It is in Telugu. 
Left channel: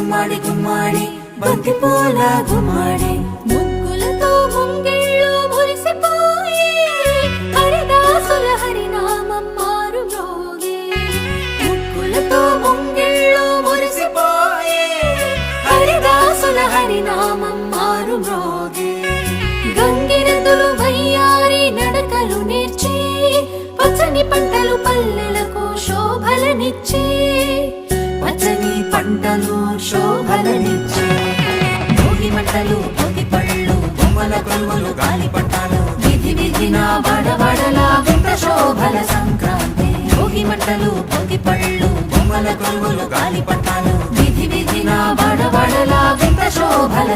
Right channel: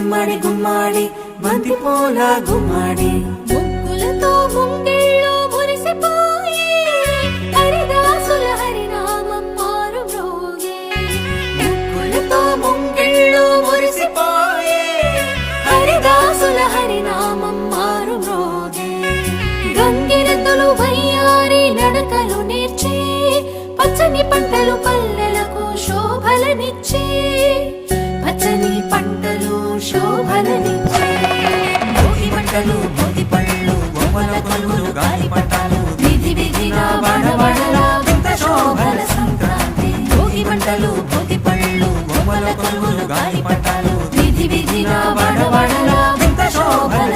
గుమ్మడి గుమ్మడి బంతి పూల గుమ్మడి ముగ్గులతో ముంగిళ్ళు మురిసిపోయి హరిదాసుల హరినామం మారు మ్రోగే. ముగ్గులతో ముంగిళ్ళు మురిసిపోయి హరిదాసుల హరినామం మారు మ్రోగే. గంగిరెద్దులు వయ్యారి నడకలు నేర్చి పచ్చని పంటలు పల్లెలకు శోభలనిచ్చి పచ్చని పంటలు శోభలనిచ్చి భోగి మంటలు భోగి పళ్ళు బొమ్మల కొలువులు గాలిపటాలు విధి విధిన వాడవాడలా వింత శోభల సంక్రాంతి. భోగి మంటలు భోగి పళ్ళు బొమ్మల కొలువులు గాలిపటాలు విధి విధిన వాడవాడలా వింత శోభల